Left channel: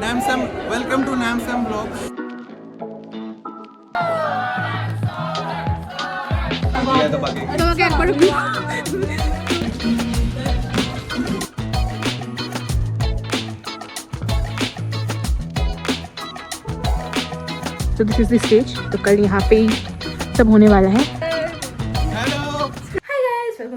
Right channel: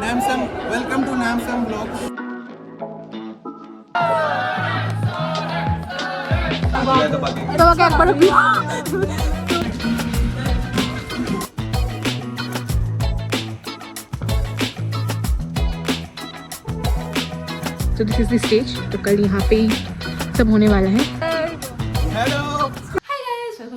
Namsam, welcome to Namsam Vlogs. তোমাকে একবার तो दिस इज द स्टेज। तो कल यहाँ पे ही सब होने वाला है। Hello.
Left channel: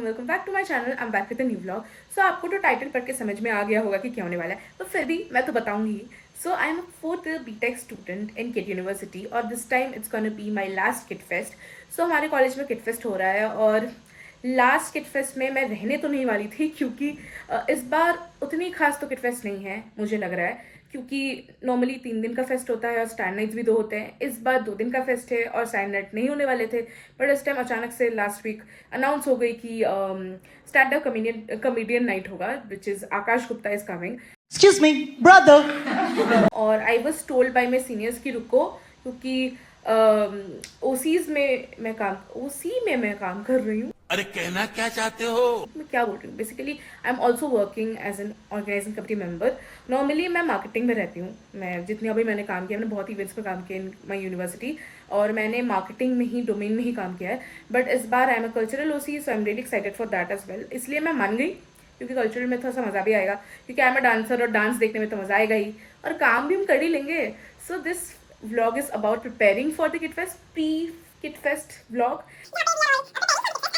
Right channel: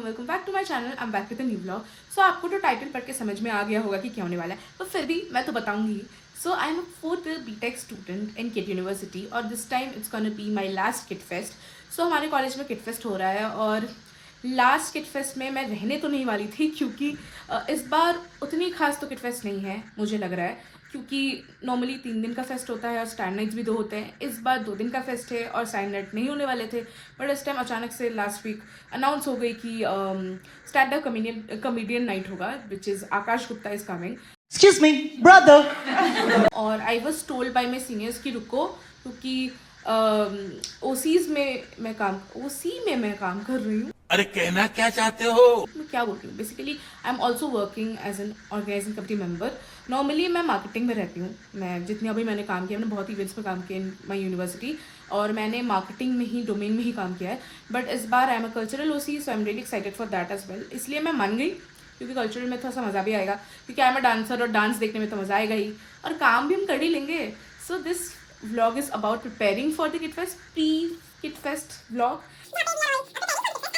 Welcome back to my channel. I am back with a new vlog. So आपको तो टाइटल पढ़ के समझ में आ गया होगा कि क्या होने वाला है, पर फिर भी मैं तो बताऊंगी। So I am a 4th B Tech student in KIIT university और this time it's gonna be my last KIIT fest. So हमारे कॉलेज में किट फेस्ट हो रहा है और लास्ट किट फेस्ट में मैं रहने तो नहीं वाली थी, क्योंकि इस बार उतनी खास तो किट फेस्ट नहीं है मुझे लग रहा है, क्योंकि नॉर्मली 3 दिन का फेस्ट होता है और स्टैंड नाइट्स भी 2 होते हैं। इस बार 2 दिन का फेस्ट है और स्टैंड नाइट नहीं होने वाले थे, बट इस टाइम अचानक से लास्ट वीक अनाउंस हो गई कि स्टैंड अप कॉमेडियन नाइट होगा, which is Akash Gupta is coming. Excuse me, brother. और I was told by my seniors की रुको, क्योंकि ओसीज में मैं काम कर रही हूँ। अरे कहना क्या चाहते हो? मैं क्या बोल रही हूँ, basically I am also working as an organising committee member. Normally मैं मार्केटिंग में रहती हूँ। मैं जितने अभी मैंने काम किया, मैंने बहुत इवेंट्स में काम किया इन माई यूनिवर्सिटी, और मैंने मार्केटिंग में ही डोमेन में ही काम किया है। बट इस बार I am a cultural OC, so I am really excited for that as well. इसलिए मैं मान गई, क्योंकि कल्चरल में थोड़ा सा मज़ा भी आएगा, क्योंकि आई एम अ डांसर और डांस देखने में तो मज़ा आएगा ही, और काम भी हम कर ही लेंगे। So this vlog is about preparing for the kit fest, pre kit fest vlog.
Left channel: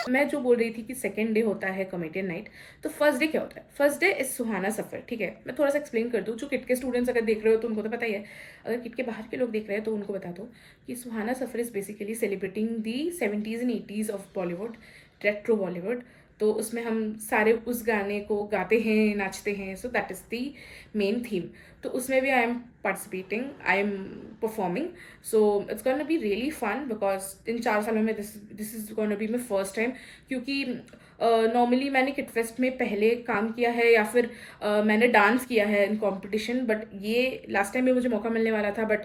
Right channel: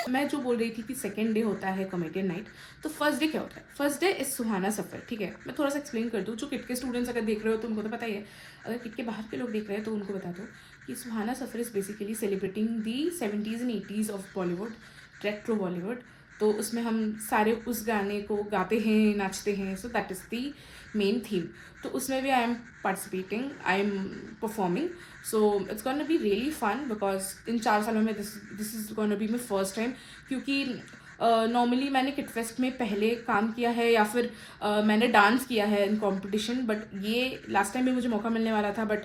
मैं जो बोल रही थी कि सेकेंड डे होता है कॉमेडियन नाइट, तो फर्स्ट डे क्या होता है? फर्स्ट डे इज सुहाना सफ़र। ठीक है, मैं थोड़ा सा एक्सप्लेन कर दूँ। जो किट के स्टूडेंट्स अगर देख रहे हो तो उनको तो पता ही है, अगर किट के बाहर के लोग देख रहे हैं तो उनको बता दो कि Suhana Safar is basically celebrating the 70s and 80s of Bollywood, retro Bollywood. तो उसमें हम सारे उस गाने को गाते हैं, नाचते हैं। So that is the main theme. तो उसमें भी I am participating, I am performing. So it's gonna be really fun, because in 4 सालों में this is gonna be my first time. क्योंकि नॉर्मली मैंने किट फेस्ट में पहले काम किया है या फिर मैंने डांस किया है इन कॉम्पिटिशन, बट ये लास्ट टाइम भी मुझे मौका मिलने वाला था, बट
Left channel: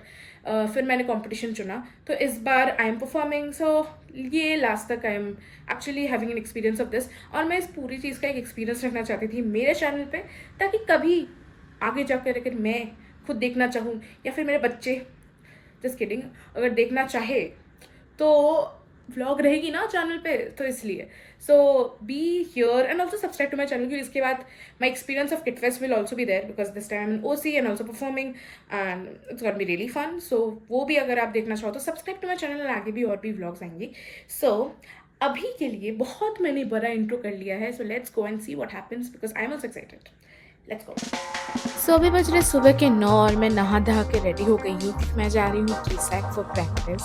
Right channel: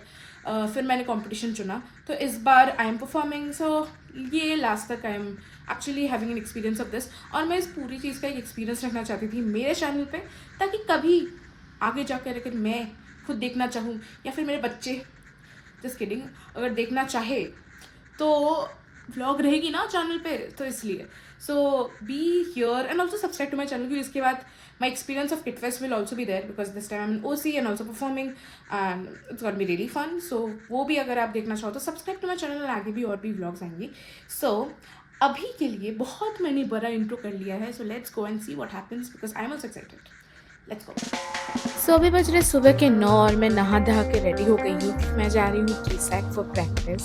फिर मैंने कंपटीशन चुना। तो इस बार आई एम परफॉर्मिंग। सो ये लास्ट तक I am actually having an experience of this, और मैं इस पूरी चीज़ का एक एक्सपीरियंस रखना चाहती थी मेरे चैनल पे, ताकि कभी आगे जाकर अगर मैं खुद देखना चाहूँ या फिर मेरे बच्चे, जस्ट किडिंग, अगर देखना चाहे तो व्लॉग रहेगी ना चैनल पे, तो इसलिए। So be here and also subscribe to my channel, क्योंकि इसके बाद my experience of KIIT fest will also be there, because this time I am OC and also performing and it's gonna be really fun. So वो भी अगर आप देखना चाहो तो सब्सक्राइब टू माई चैनल, और आगे भी और भी व्लॉग्स आएंगी। सो अभी के लिए बहुत मैंने बड़ा इंट्रो कर लिया है, so let's go and see what happens, because I am also excited. Let's go. So अभी बज रहे सुबह के 9 और मैं नहा धहा के रेडी हो गई हूँ। मैं जा रही हूँ TSAC for practice.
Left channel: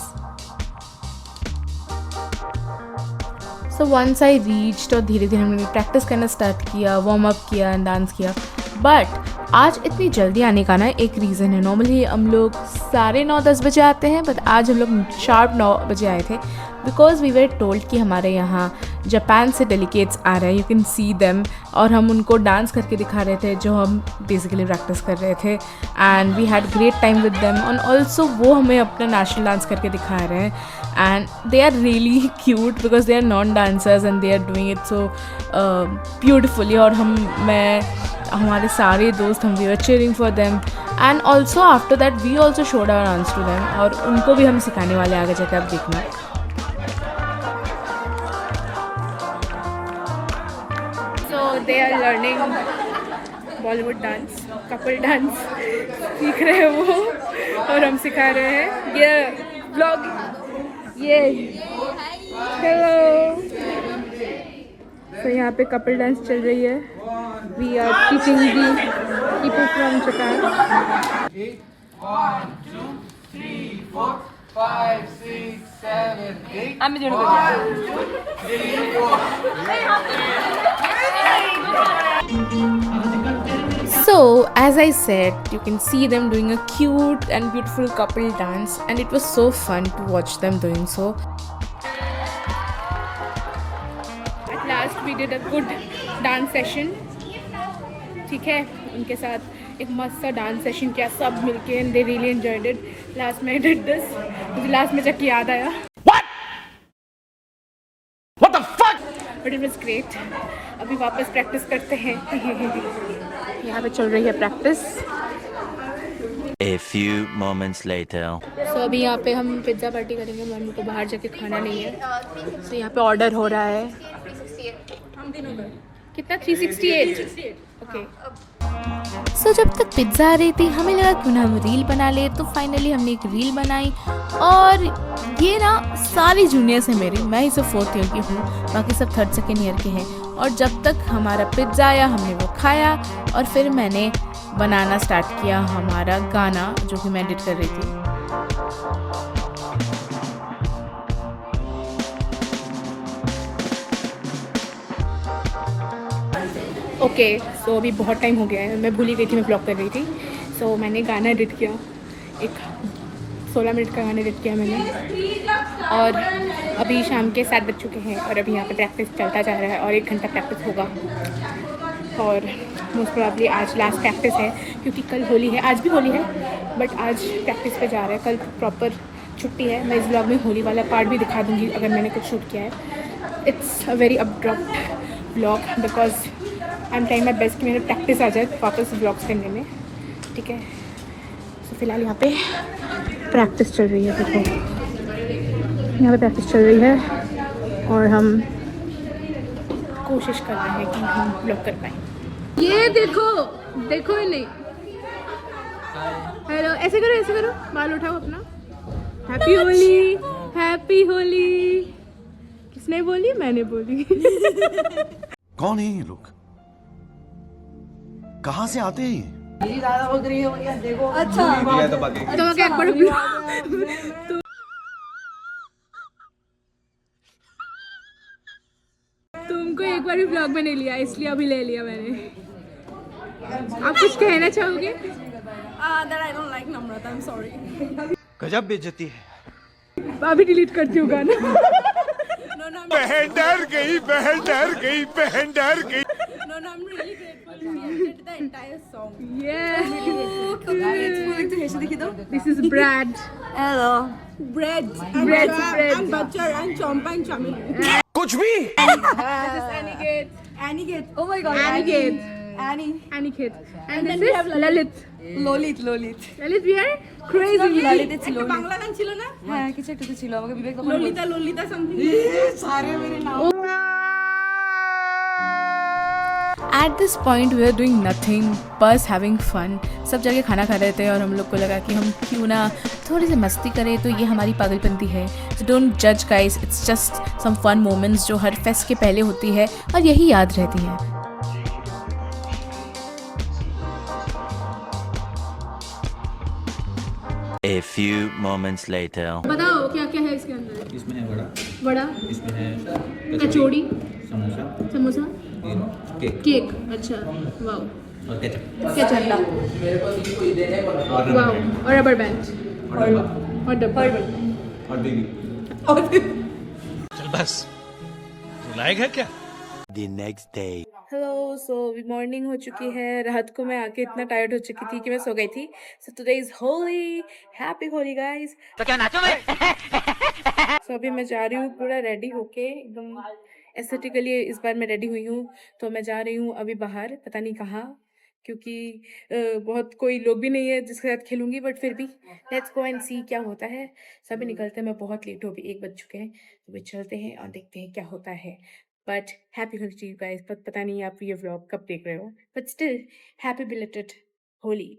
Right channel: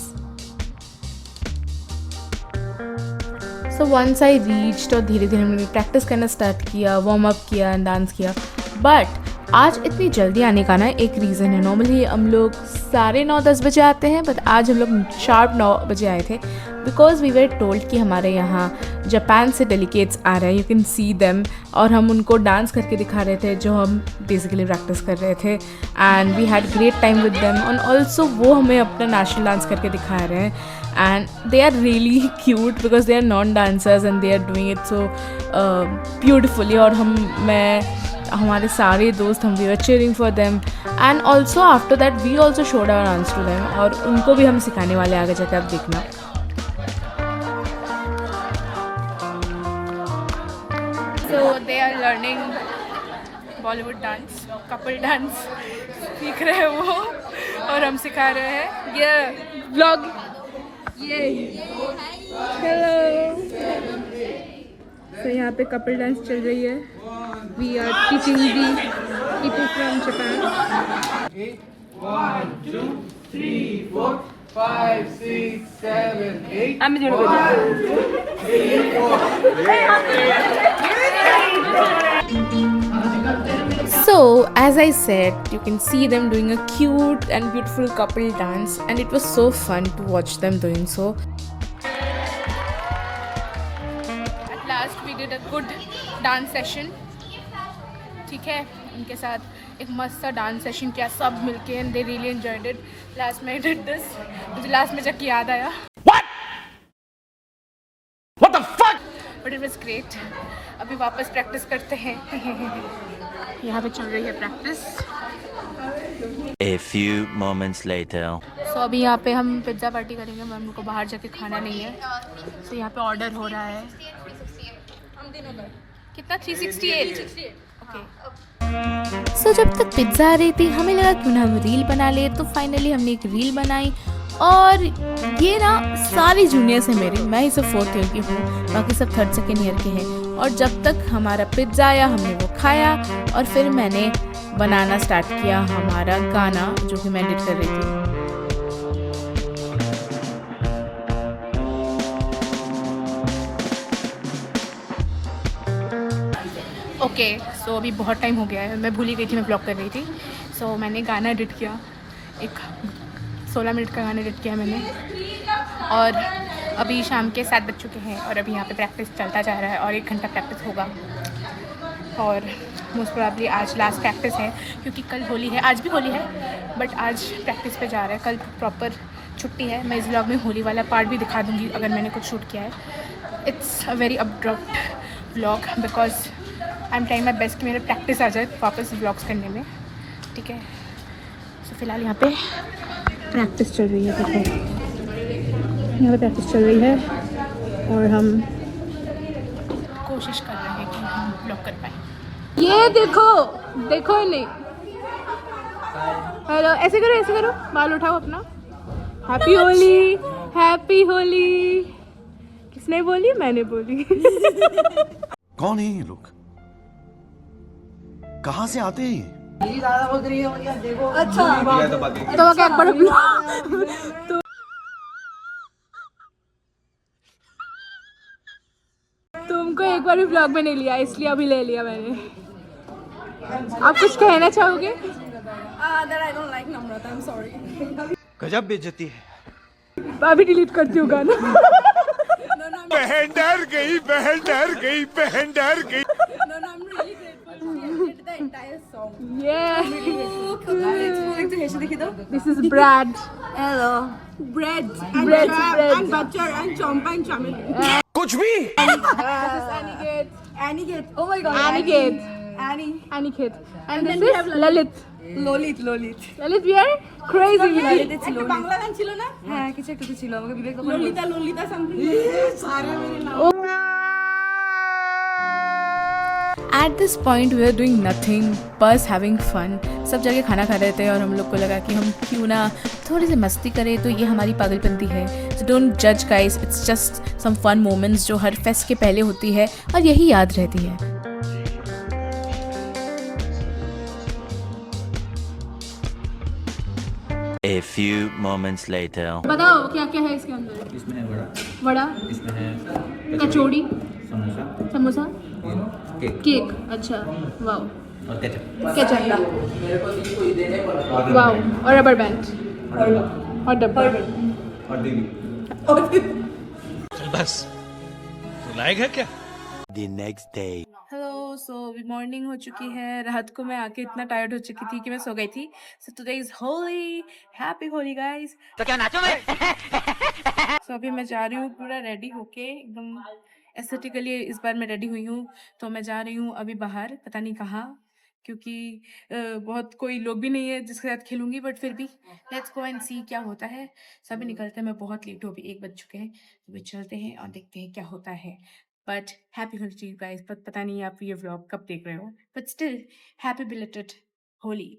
So once I reached और धीरे धीरे हमने प्रैक्टिस करना स्टार्ट किया, वार्म अप किया, डांस किया। बट आज इतनी जल्दी आने का ना एक रीज़न है। नॉर्मली हम लोग 9:30-10 बजे आते हैं, बट आज हम लोग शार्प 9 बजे आए थे, बिकॉज वी वर टोल्ड कि हमारे यहाँ जापान से डेलीगेट्स आ रहे हैं, यू कैन सी देम। और हम उनको डांस करके दिखा रहे थे जो हम बेसिकली प्रैक्टिस कर रहे थे, and we had great time with them. And also वो हमें अपना नेशनल डांस करके दिखा रहे हैं, and they are really cute because they are non dancers and they are doing it so beautifully. और हमारे सारे दोस्त, हम we were cheering for them, and also after that we also showed our dance to them, और उनको भी हम सिखाने वाले आगे जाकर, आप देखना। So they are learning Bollywood dance, couple dance सीख रहे हैं वो, और हम सिखा रहे हैं। ये व्लॉग, ये हेलो। तो यहाँ पे कपल डांस चल रही है। We are teaching the people from Japan. 1, 2, 3, 4, 5, 6, 7, 8. I'm doing 1, 2, 3, 4. So, as I said, you can see them doing a cute and beautiful couple dance, and it was so fun to watch them doing so. At last we did a good dance session. ठीक है, उनके साथ एक मस्त सा dance session किया सब मिलके, and they really enjoyed it. Last में I did this, मुझे लास्ट में जाके याद आया। What the fuck? But it was great. अभी वापस प्रैक्टिस करते हैं। यहाँ पे चल रही है practice. A few moments later. सो अभी यहाँ पे हम पिज़्ज़ा पार्टी करेंगे, मम्मी को बाहर जाके खाना नहीं है, तो यहाँ पे ऑर्डर हो रहा है। कितना 368 ओके। सो जब तक पिज़्ज़ा आ रही थी हमें लगा क्यों ना हम रील बना ले, तो फाइनली हमने एक रील बनाई। और ये ना सारी जूनियर्स हैं मेरी, मैं ही सिर्फ 4th ईयर की हूँ, बाकी सब 3rd सेकेंड ईयर के हैं। और जब तक हमारा पिज़्ज़ा आया हमने वो खाया और फिर मैंने बनाना स्टार्ट किया हमारा गाना जो कि मैं एडिट कर रही थी। ओके सो अभी बहुत टाइम हो गया है, मैं भूल ही गई थी मैं ब्लॉग कर रही थी। सो मैंने गाना एडिट किया, एक 16 मिनट का गाना एडिट किया मैंने। और अभी शाम के 7 बज चुके हैं और अभी यहाँ पे प्रैक्टिस चलता जा रहा है और 1 घंटा प्रैक्टिस होगा। और मोस्ट प्रॉब्ली आज लास्ट प्रैक्टिस है क्योंकि कल होली है, आज भी होली है बट आज प्रैक्टिस पे जा रहा है, कल प्रॉपर छुट्टी है। मैं इस ब्लॉग में होली वाला पार्ट भी दिखा दूँगी अगर मैंने कुछ शूट किया है। It's a very abrupt blog because I am trying my best, मेरा प्रैक्टिस आ जाए वापस ब्लॉग्स करने में, ठीक है। सो फिलहाल यहाँ पे प्रैक्टिस चल रही है, देखो यहाँ पे प्रैक्टिस चल रही है और हम कोशिश कर रहे हैं कि हम ब्लॉग कर पाएँ। ये देखो देखो नहीं, हेलो ऐसे करो बाल उठाओ अपना। Happy Holi, happy Holi. किसने बोली? मैंने बोली। कौन है ये लोग, कहाँ से आते हैं? तो क्या एक बार तो तुमको एक बार भी ब्लॉग में नहीं लिया इसलिए अभी ले लिया मैंने। आप कुछ कहना चाहोगे? गजब बेइज्जती है। अभी डिलीट करती हूँ गाना। बहन डर गई, बहन डर गई, बहन डर गई। Yeah. This is Brad. Hello. Bread. Butter and chompa and chummy. कुछ भी। Aniket. Oh my god. Aniket. And this is Lalit. Lolit. Lalit, we are crazy. Lalit, it's Lolit. Bangla গান ছিল না? হ্যাঁ কিছু একটা তো ছিল, আমাকে বিবেক তখন ললিতা সামথিং সারে মেরে নাম। At this point we were doing nothing, बस having fun। सब जगह खाना खा रहे थे और हम लोग को लगा कि हम क्यों ना थोड़ी सी मस्ती करें, तो ये हमारी पागलपंती है। So don't judge guys, it's just some fun moments जो हर फेस्ट के पहले होती है और यही याद रहती है। A few moments later. बताओ क्या क्या है इसके अंदर? इसमें है वड़ा, इसमें है कचौड़ी, समोसा, केक केक। अच्छा वाओ। और केचप केचप, वाओ। और रबर बैंड और डब्बा और दीदी। चल बस, रुलाएगा क्या? The next day. हेलो। सो अभी मॉर्निंग हो चुकी है, रात को मैं आके इतना टायर्ड हो चुकी थी कि मैं सो गई थी। So today is Holi, happy Holi guys. तो क्या नाचो मैं? सो अभी मैं जा रही हूँ पूरा रेडी होके, एकदम एस्थेटिकली इस बार मैं रेडी हुई हूँ। तो मैं जा रही हूँ अभी बाहर, पता नहीं कहाँ, क्योंकि बहुत कोई लोग भी नहीं है जिसके साथ खेलूंगी, बट फिर भी लेट्स गो एंड सी क्या होता है। सभी निकलते हैं, मैं बहुत लेट हूँ, अभी 1 बज चुके हैं, तो भी चलते हैं और देखते हैं क्या होता है। But happy Holi to you guys. पता नहीं आप ये व्लॉग कब देख रहे हो, but still happy belated Holi.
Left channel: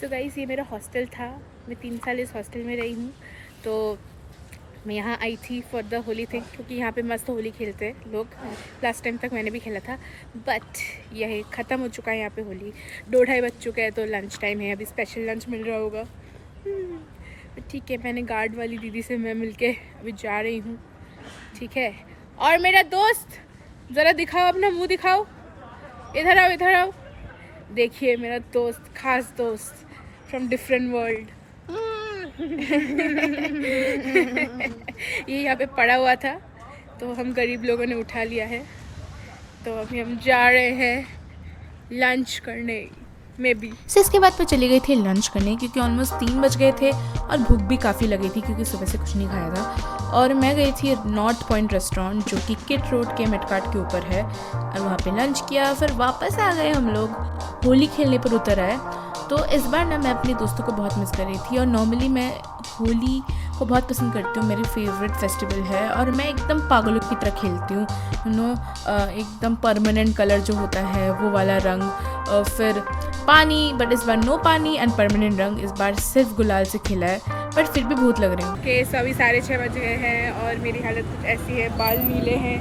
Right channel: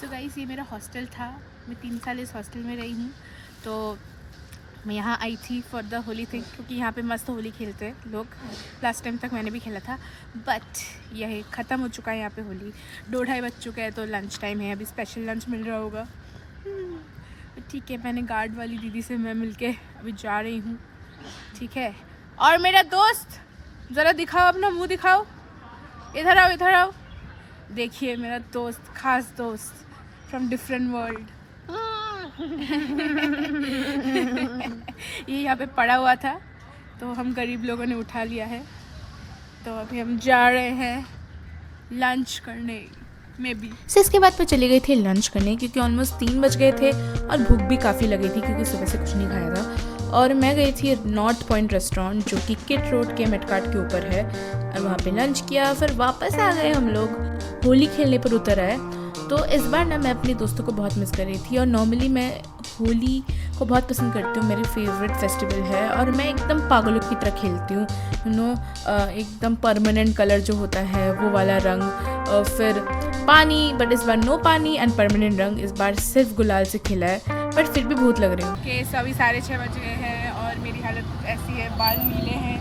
So guys ये मेरा हॉस्टल था, मैं 3 साल इस हॉस्टल में रही हूँ। तो मैं यहाँ आई थी फॉर द होली थिंग, क्योंकि यहाँ पे मस्त होली खेलते हैं लोग। लास्ट टाइम तक मैंने भी खेला था, बट यह ख़त्म हो चुका है यहाँ पे होली। 2-2:30 बज चुका है, तो लंच टाइम है, अभी स्पेशल लंच मिल रहा होगा। ठीक है, मैंने गार्ड वाली दीदी से मैं मिलके अभी जा रही हूँ, ठीक है। और मेरा दोस्त ज़रा दिखाओ, अपना मुँह दिखाओ, इधर आओ। देखिए मेरा दोस्त, खास दोस्त फ्रॉम डिफरेंट वर्ल्ड। ये यहाँ पे पड़ा हुआ था, तो हम गरीब लोगों ने उठा लिया है। तो अभी हम जा रहे हैं लंच करने। May be. सो इसके बाद मैं चली गई थी लंच करने क्योंकि ऑलमोस्ट 3 बज गए थे और भूख भी काफ़ी लगी थी क्योंकि सुबह से कुछ नहीं खाया था। और मैं गई थी नॉर्थ पॉइंट रेस्टोरेंट जो कि किट रोड के मेटकाट के ऊपर है और वहाँ पे लंच किया। फिर वापस आ गए हम लोग, होली खेलने पर उतर आए। तो इस बार ना मैं अपने दोस्तों को बहुत मिस कर रही थी और नॉर्मली मैं होली को बहुत पसंद करती हूँ, मेरी फेवरेट फेस्टिवल है और मैं एकदम पागलों की तरह खेलती हूँ। एकदम परमानेंट कलर जो होता है वो वाला रंग, फिर पानी, बट इस बार नो पानी एंड परमानेंट रंग, इस बार सिर्फ गुलाल से खेला है बट फिर भी बहुत लग रही हूँ। ओके, सो अभी 6:30 बज गए हैं और मेरी हालत कुछ ऐसी है, बाल नीले हैं,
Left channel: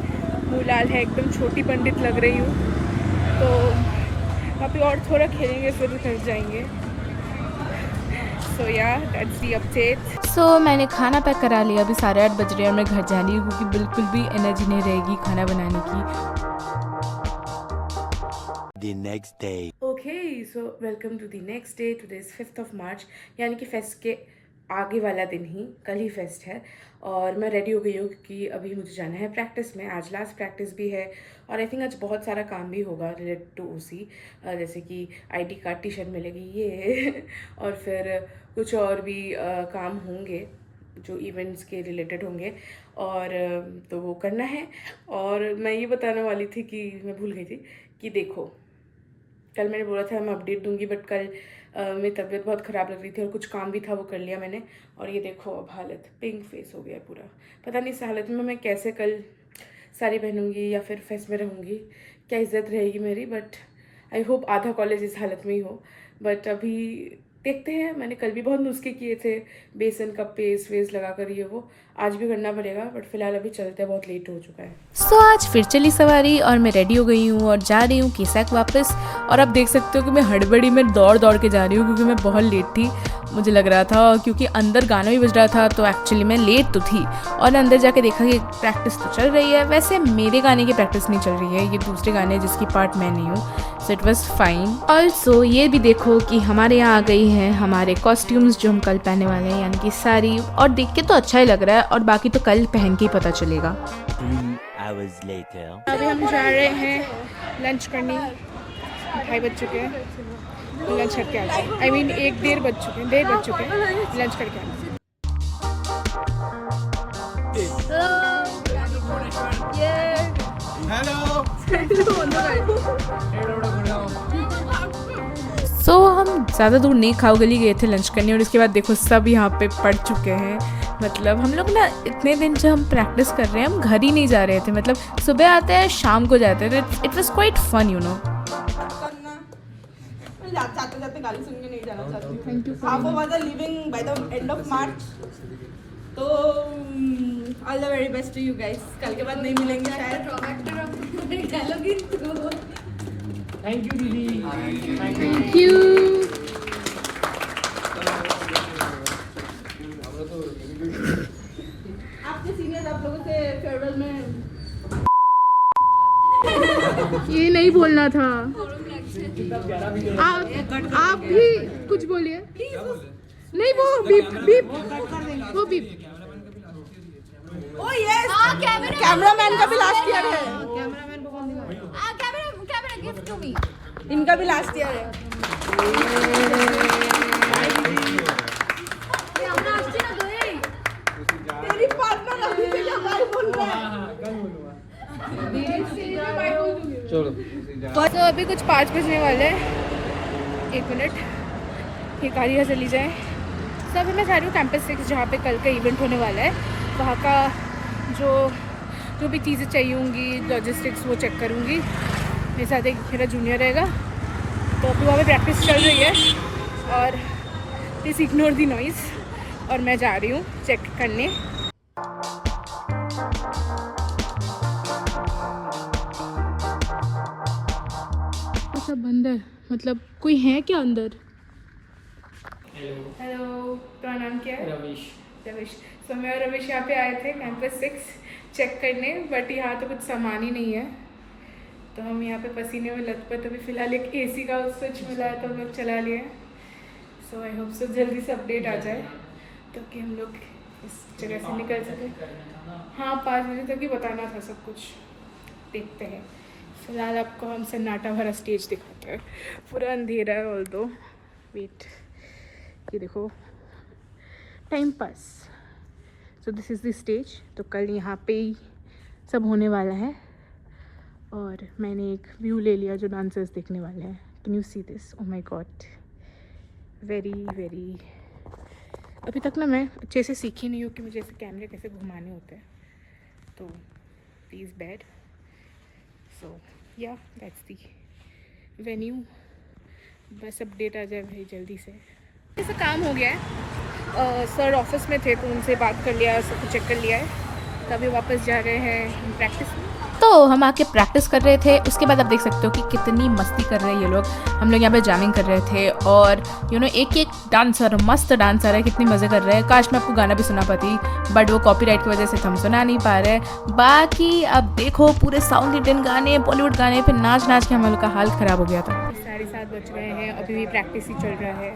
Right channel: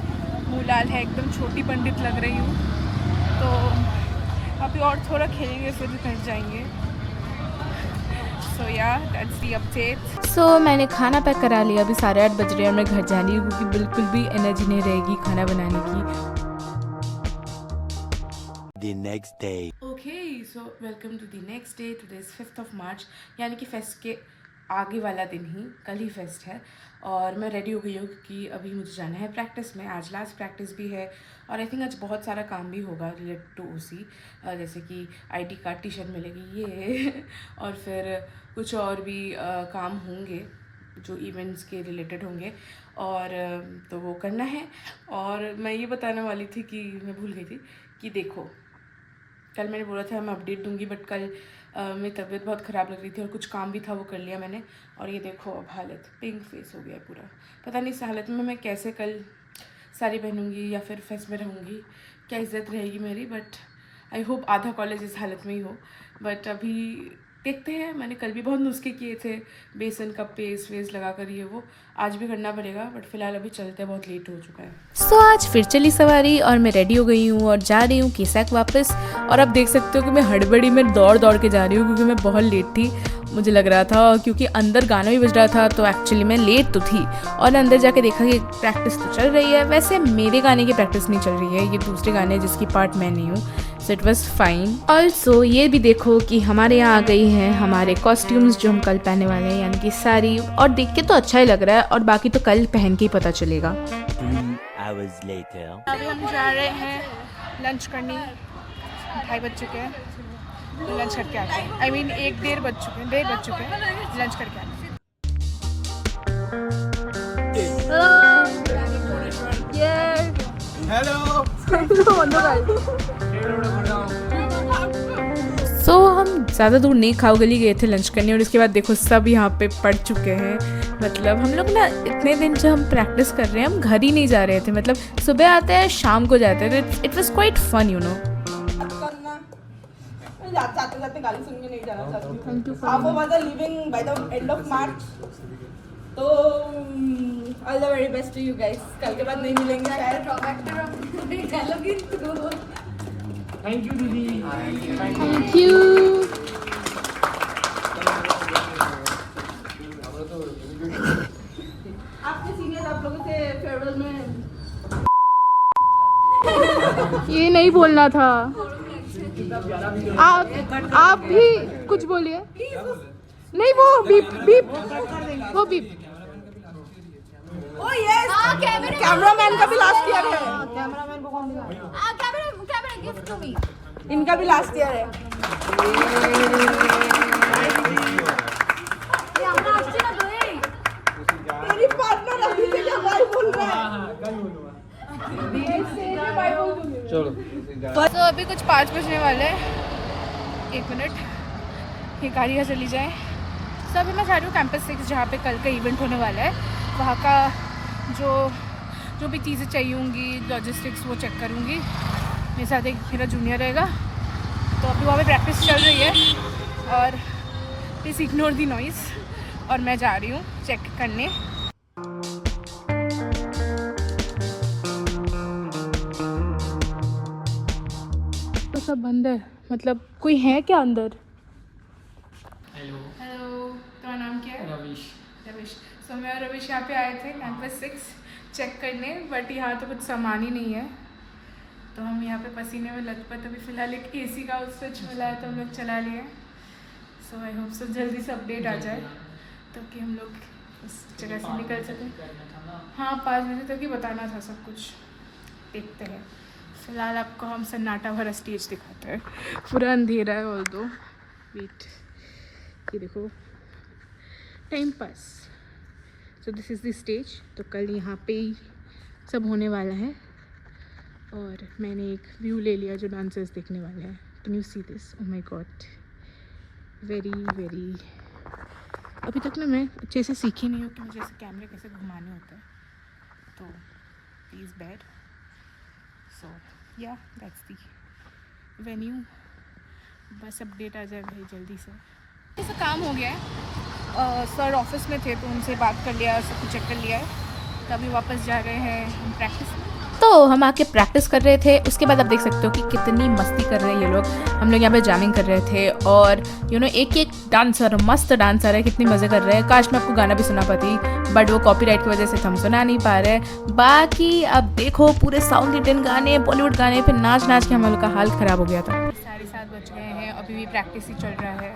मुँह लाल है, एकदम छोटी पंडित लग रही हूँ। तो अभी और थोड़ा खेलेंगे फिर घर जाएंगे। सो या दैट्स द अपडेट। सो मैंने खाना पैक करा लिया, अभी 8:30 बज रहे हैं और मैं घर जा रही हूँ क्योंकि बिल्कुल भी एनर्जी नहीं रहेगी खाना बनाने की। The next day. Okay, so welcome to the next day. Today is 5th of March, यानी कि फेस्ट के आगे वाला दिन ही, कल ही फेस्ट है। और मैं रेडी हो गई हूँ क्योंकि अभी मुझे जाना है प्रैक्टिस में। आज लास्ट प्रैक्टिस भी है और आई थिंक आज बहुत सारा काम भी होगा रिलेटेड टू उसी, जैसे कि ID कार्ड, टी-शर्ट मिलेगी ये और फिर कुछ और भी काम होंगे जो इवेंट्स के रिलेटेड होंगे और तो वो करना है। और मैं ये बताने वाली थी कि मैं भूल गई थी कि देखो, कल मैंने बोला था मैं अपडेट दूंगी बट कल मेरी तबीयत बहुत ख़राब लग रही थी और कुछ काम भी था वो कर लिया मैंने। और ये देखो अब हालत, पिंक फेस हो गया पूरा। पता नहीं इस हालत में मैं कैसे कल साड़ी पहनूंगी या फिर फेस्ट में रहूँगी, क्या इज़्ज़त रहेगी मेरी। बट आई होप आधा कॉलेज इस हालत में ही हो। बट अभी देखते हैं, मैंने कल भी बहुत नुस्खे किए थे, बेसन का पेस्ट वेस्ट लगा कर, ये वो आज भी करना पड़ेगा। बट फिलहाल अभी चलते हैं, बहुत लेट हो चुका है। सो आज फिर चली सवारी और मैं रेडी हो गई हूँ और जा रही हूँ केसैक वापस। और आप देख सकते हो कि मैं हड़बड़ी में दौड़ दौड़ के जा रही हूँ क्योंकि मैं बहुत लेट थी, मुझे लग रहा था, क्योंकि अंदर गाना भी बज रहा था तो एक्चुअली मैं लेट तो थी। और अंदर जाके देखा कि प्रैक्टिस तो चल रही है, वैसे मेरे गाने की प्रैक्टिस नहीं चल रही है, ये दूसरे गाने जिसकी पार्ट मैं नहीं हूँ। So it was fine. Also ये भी देखो कि हमारे यहाँ आ गई हैं हमारे कॉस्ट्यूम्स जो हम कल पहनने वाले हैं, यानी कि साड़ी। और देख के तो अच्छा ही लग रहा है और बाकी तो कल पहन के ही पता चलेगा। 3 hours later. अभी हम जा रहे हैं लंच करने, 2:30 बज चुके हैं, लंच करके आ जाए। आई मीन 1-1:30 बज चुके हैं, 1:30 बज चुके हैं, लंच करके आ जाए। सो हम ज़्यादा दूर नहीं, खाओ गली गए थे लंच करने और इसके बाद देखो सब यहाँ पे पड़ चुके हैं। मतलब हम लोग ना इतने दिन जो हम प्रैक्टिस कर रहे हैं, हम घर ही नहीं जा रहे थे, मतलब सुबह आते हैं शाम को जाते हैं। It was quite fun, you know. जाते जाते गाली सुन के नहीं जाना चाहती हूँ। आप was living by the end of March, तो all the very best to you guys. कल के बाद नहीं मिलेंगे शायद। थैंक यू दीदी। Thank you. आपके सीनियर आप लोगों से फेयरवेल में ये नहीं बोलना था। आप भी कुछ बोलिए। नहीं, वो बीप बीप, वो बीप। ओ यस, कैमरामैन का भी लास्ट ईयर है। इनका भी लास्ट ईयर है। तेरी पार्टनर अभी से क्या बाय बोल रहा है। तो अभी कुछ 5 बजने वाले हैं, 1 मिनट, ये गाड़ी यहाँ चली जाए। तो अभी मैं जा रही हूँ कैंपस 6 जहाँ पे कल का इवेंट होने वाला है। वहाँ का जो भी चीज़ें चाहिए होंगी, लॉजिस्टिक्स, वो चेक करूँगी। मेरे साथ एक मेरा जूनियर रहेगा। तो अभी वहाँ पे प्रैक्टिस चल रही है और प्लीज़ इग्नोर दी नॉइज़। और मैं जा रही हूँ चेक करने। तो सब बंद है, मतलब कोई है क्या अंदर? हेलो, तुम्हारा नाम क्या है? रविश। तो मैं और रविश यहाँ पे आए थे कैंपस 6 चेक करने, बट यहाँ तो कुछ सामान ही नहीं है। तो हम यहाँ पे पसीने में लथपथ। अभी फ़िलहाल एक AC का स्विच मिला है तो हम लोग चला लिए। सो आई होप सो जल्दी से अपडेट आ जाए ताकि हम लोग इस जगह से निकल सकें। हाँ, 5 बजे तक ही बताना था सब कुछ, देखते हैं। फिलहाल आपको हम सन्नाटा भरा स्टेज दिखाते हैं. पूरा अंधेरा है ऑल दो. वेट, ये देखो, time pass. So this is the stage. तो कल यहाँ पे ही सब होने वाला है और मैंने एक व्यू ले लिया जो डांसर्स देखने वाले हैं. Can you see this? Oh my God, very very. अभी तक ना मैं अच्छे से सीखी नहीं हूँ कि मुझे ऐसे कैमरे कैसे घुमाने होते हैं, तो please bad. So yeah that's the venue. बस अपडेट आ जाए भाई जल्दी से. ऐसा काम हो गया है. सर ऑफिस में थे तो उनसे बात कर लिया, सब कुछ चेक कर लिया है. तो अभी वापस जा रहे हैं हम प्रैक्टिस में. तो हम आके प्रैक्टिस कर रहे थे. उसके बाद आप देख सकते हो कि कितनी मस्ती कर रहे हैं ये लोग. हम लोग यहाँ पे जैमिंग कर रहे थे और एक एक डांसर, मस्त डांसर है, कितनी मज़े कर रहे हैं. काश मैं आपको गाना भी सुना पाती, बट वो कॉपीराइट की वजह से हम सुना नहीं पा रहे. बाकी अब देखो पूरे साउथ इंडियन गाने, बॉलीवुड गाने पे नाच नाच के हम लोग का हाल ख़राब हो गया था. 7:30 बज गए हैं, अभी भी प्रैक्टिस ही चल रहा है.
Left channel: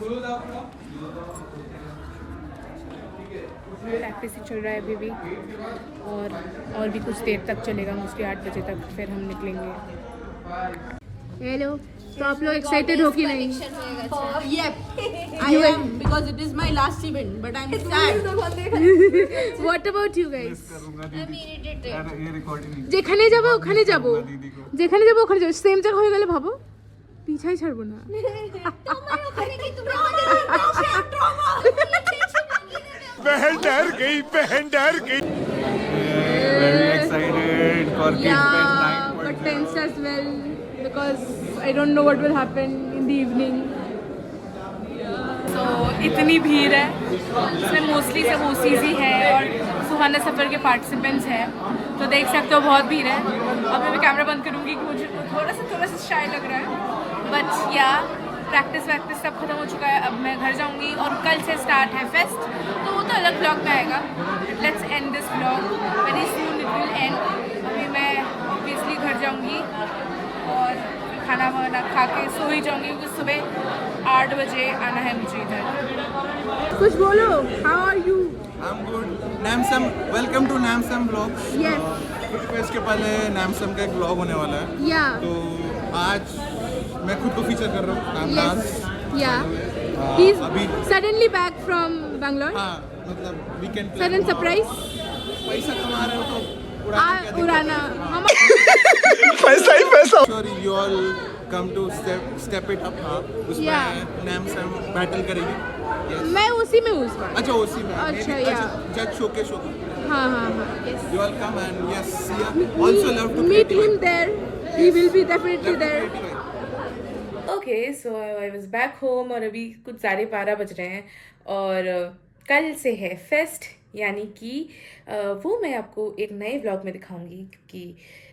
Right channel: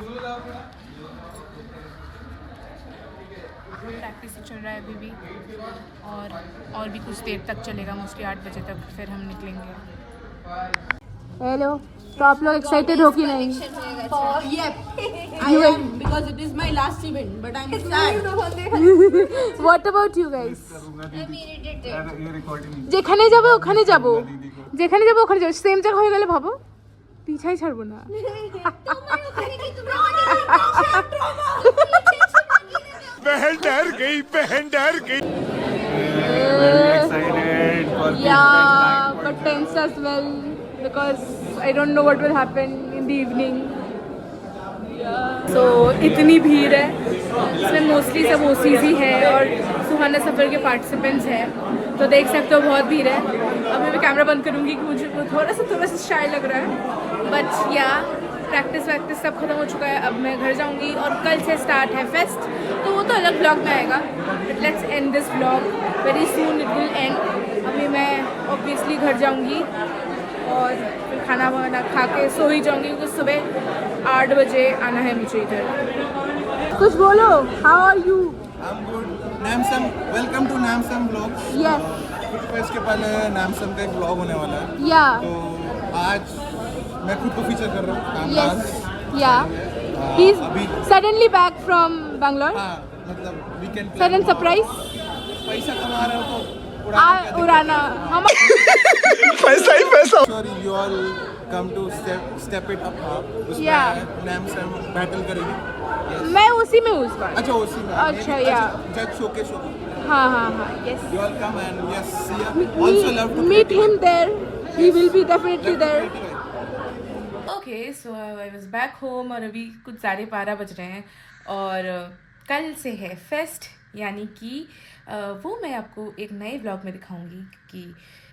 प्रैक्टिस ही चल रहा है अभी भी, और भी कुछ देर तक चलेगा, मोस्टली 8 बजे तक, फिर हम निकलेंगे. हेलो, तो आप लोग एक्साइटेड हो कि नहीं? I am, because it is my last event, but I'm sad. What about you guys? যেখানে যাবো ওখানে যাবো, যেখানে যাবো ওখানে যাবো, সেম জায়গা হয়ে গেলে ভাবো পিছাই ছাড়বো না. बहन डर गई, बहन डर गई. Yeah, but tense as well because I don't know what will happen in the evening. So इतनी भीड़ है, इसमें मोस्टली सब ओसीज ही है और सुहाना सफ़र के पार्टिसिपेंट्स हैं, तो देख सकते हो बहुत भीड़ है. अब मैं कैमरा बंद करूँगी कि मुझे थोड़ा सा शाय लग रहा है. बट या प्रैक्टिस वैक्टिस सब खत्म हो चुका है. अब मैं घर जाऊंगी और कल से स्टार्ट है फेस्ट, तो वो तो अलग ब्लॉग में आएगा. Let's end this blog very soon, it will and. अभी मैं ऑब्वियसली घर जाऊंगी और फिर खाना वाना खा के सो ही जाऊंगी, क्योंकि सुबह 8 बजे आना है मुझे इधर. कुछ बोलो. How are you? I'm good. Namsam, welcome to Namsam vlog. Yes. Fest के पहले Namsam का एक vlog होने वाला है. Yeah. तो आज मैं खुद को फीचर कर रहा हूँ. Yes. Yeah. He's अभी suddenly back from Bangalore. हाँ, मतलब weekend plan Sudden हुआ. surprise. पैसा कमा रहे हो तो उड़ाना. हम पैसा ही पैसा. Sure, you all come to step it up. उसमें Yeah. Namsam battle करेगी. Yes. मैं उसी में हूँ इस बार. अच्छा उसी में. अच्छा, yeah. जज शोके. हाँ. Yes. You all come and yes, see ya. Also love to meet him there. He will be definitely there. Okay, so I was back home और अभी कुछ 12:30 बज रहे हैं और कल से है फेस्ट, यानी कि वो मैं आपको एक नए व्लॉग में दिखाऊंगी कि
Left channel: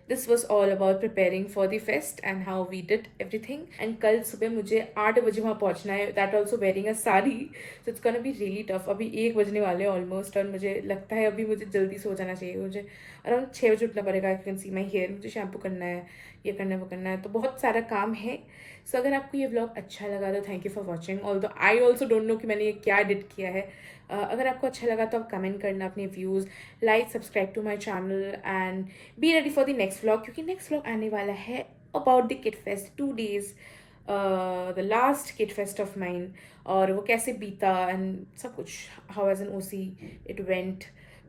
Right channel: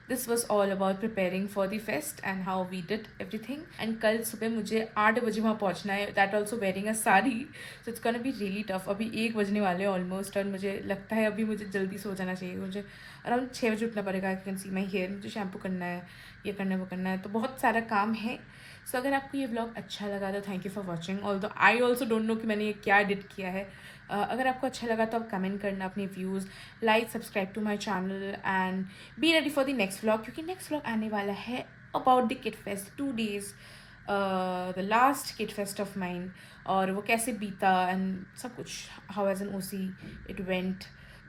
this was all about preparing for the fest and how we did everything. And कल सुबह मुझे 8 बजे वहाँ पहुँचना है, that also wearing a sari, so it's gonna be really tough. अभी 1 बजने वाले हैं ऑलमोस्ट और मुझे लगता है अभी मुझे जल्दी सो जाना चाहिए. मुझे अराउंड 6 बजे उठना पड़ेगा. I can see my hair, मुझे शैम्पू करना है, ये करना है, वो करना है, तो बहुत सारा काम है. सो अगर आपको ये व्लॉग अच्छा लगा तो thank you for watching. Although I also don't know कि मैंने ये क्या एडिट किया है. अगर आपको अच्छा लगा तो आप कमेंट करना अपने views, like, subscribe to my channel and be ready for the next vlog, क्योंकि नेक्स्ट व्लॉग आने वाला है about the kid fest. 2 days the last kid fest of mine, और वो कैसे बीता एंड सब कुछ, how as an OC it went,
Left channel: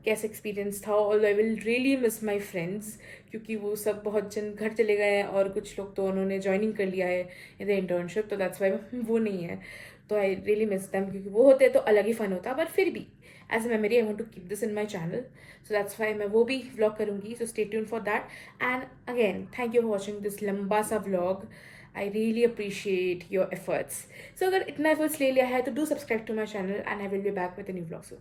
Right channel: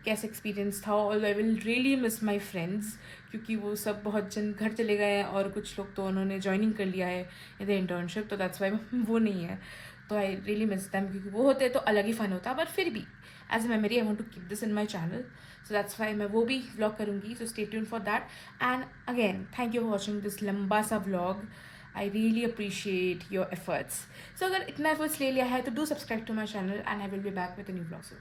कैसे एक्सपीरियंस था. All I will really miss my friends, क्योंकि वो सब बहुत जन घर चले गए हैं और कुछ लोग तो उन्होंने ज्वाइनिंग कर लिया है इन द इंटर्नशिप, तो दैट्स वाई वो नहीं है. तो आई रियली मिस दैम, क्योंकि वो होते तो अलग ही फ़न होता. बट फिर भी as a memory I want to keep this in my channel, so that's why मैं वो भी व्लॉग करूँगी. So stay tuned for that. And again thank you for watching this लंबा सा vlog. I really appreciate your efforts. So अगर इतना efforts ले लिया है तो do subscribe to my channel and I will be back with a new vlog soon.